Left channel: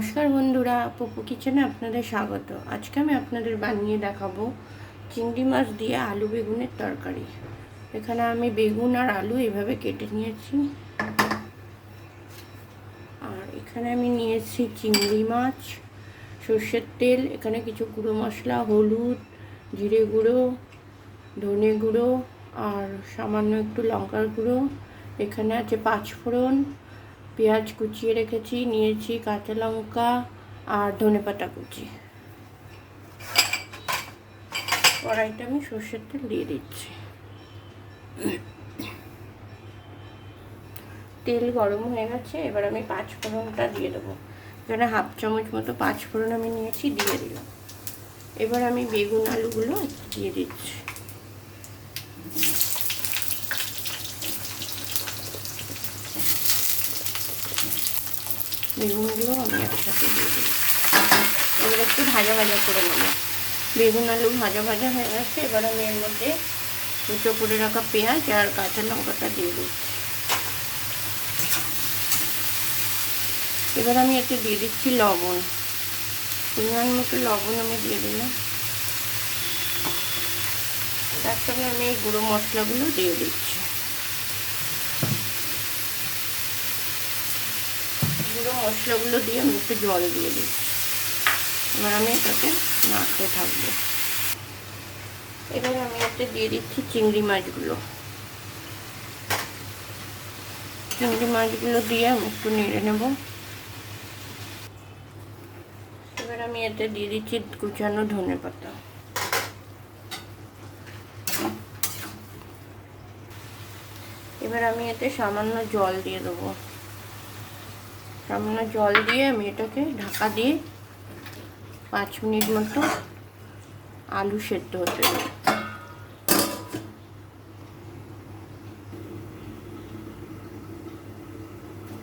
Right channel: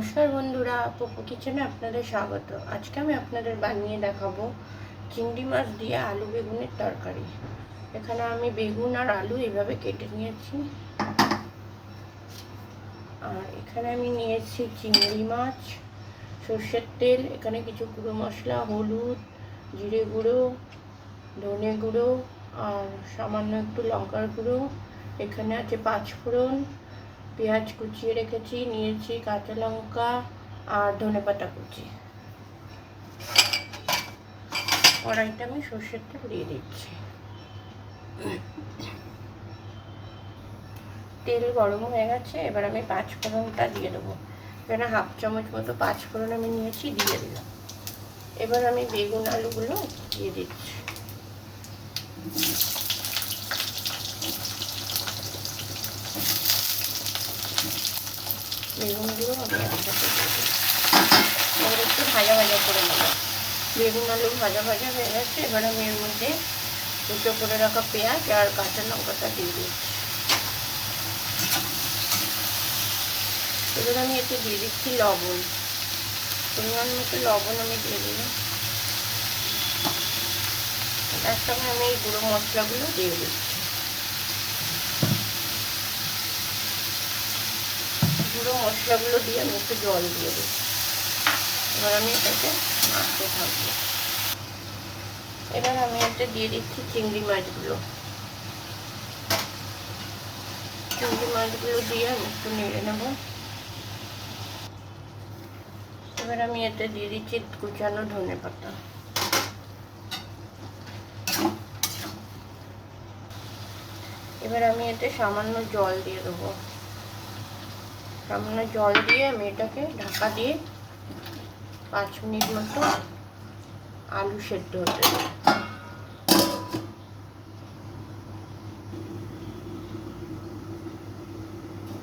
নমস্কার বন্ধুরা, পপু কিচেনে আপনাদের স্বাগত। আজকে আমি আপনাদের বানিয়ে দেখাবো চিংড়ি মাছ দিয়ে আলু বেগুনের তরকারি। এখানে আমি বেগুন আর আলু এইভাবে কেটে নিয়েছি। আর এখানে আমি নিয়েছি চিংড়ি মাছ, সর্ষের তেল, এখানে কিছু গুঁড়ো মশলা, হলুদ, জিরে গুঁড়ো, ধনে গুঁড়ো আর সামান্য একটু লঙ্কার গুঁড়ো। এখানে আছে পাঁচফোড়ন, পেঁয়াজ কুচিয়ে রেখেছি, নিয়েছি কাঁচা লঙ্কা আর ধনেপাতা কুচি। কড়াইতে আমি সর্ষের তেল দিয়ে দিচ্ছি। তেল গরম হয়ে গেছে, এবার আমি পাঁচফোড়নটা দিয়ে দেবো। এখানে হাফ চামচ মতো পাঁচফোড়ন আমি নিয়েছি, দিয়ে দিলাম। এবার আমি বেগুন আলুগুলো দিয়ে দিচ্ছি। বেগুনগুলো আমি একসাথে দিয়ে দিই। এবার একটু ভাজা ভাজা করে নেব। বেগুন আলু ভাজা ভাজা হয়ে গেছে, এবার আমি এর মধ্যে কুচো করে রাখা পেঁয়াজ আর কাঁচা লঙ্কাটা দিয়ে দিই। এবার আমি এতে দিয়ে দিচ্ছি লবণ, পরিমাণ মতো লবণ আমি দিয়ে দিলাম। তার সঙ্গে আমি এই গুঁড়ো মশলাগুলো দিয়ে দিচ্ছি। গুঁড়ো মশলাগুলো দিয়ে আমি একটু জল দিয়ে দিচ্ছি। এবার আমি এটাকে নাড়তে থাকবো। এবার আমি এতে দিয়ে দিচ্ছি চিংড়ি মাছগুলো। চিংড়ি মাছগুলো দিয়ে আমি একটু নেড়ে নেব। এবার আমি এতে দিয়ে দিচ্ছি কুচানো ধনেপাতা। এবার আমি এতে সামান্য জল দিয়ে দেবো। সামান্য জল দিয়ে আমি এটাকে ঢাকা দিয়ে 5 মিনিট মতো আলু সেদ্ধ হতে দেবো।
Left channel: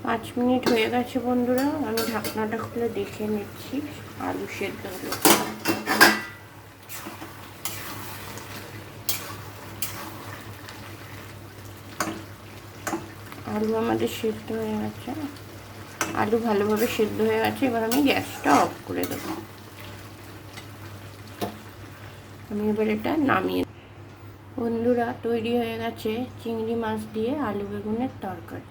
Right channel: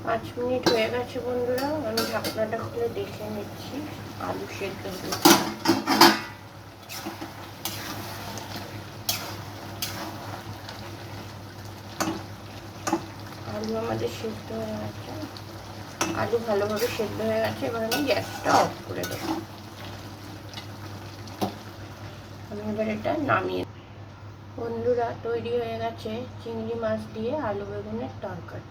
5 মিনিট হয়ে গেছে বন্ধুরা, আমি ঢাকনাটা খুলে দেখে নিচ্ছি আলু সেদ্ধ হয়ে গেছে। আলু আমাদের সেদ্ধ হয়ে গেছে, আলু ভালোভাবে সেদ্ধ হয়ে গেছে। এবার আমি গ্যাসটা অফ করে দেবো। আমি এবার এটা নামিয়ে, বন্ধুরা তৈরি হয়ে গেছে চিংড়ি মাছ দিয়ে আলু বেগুনের তরকারি।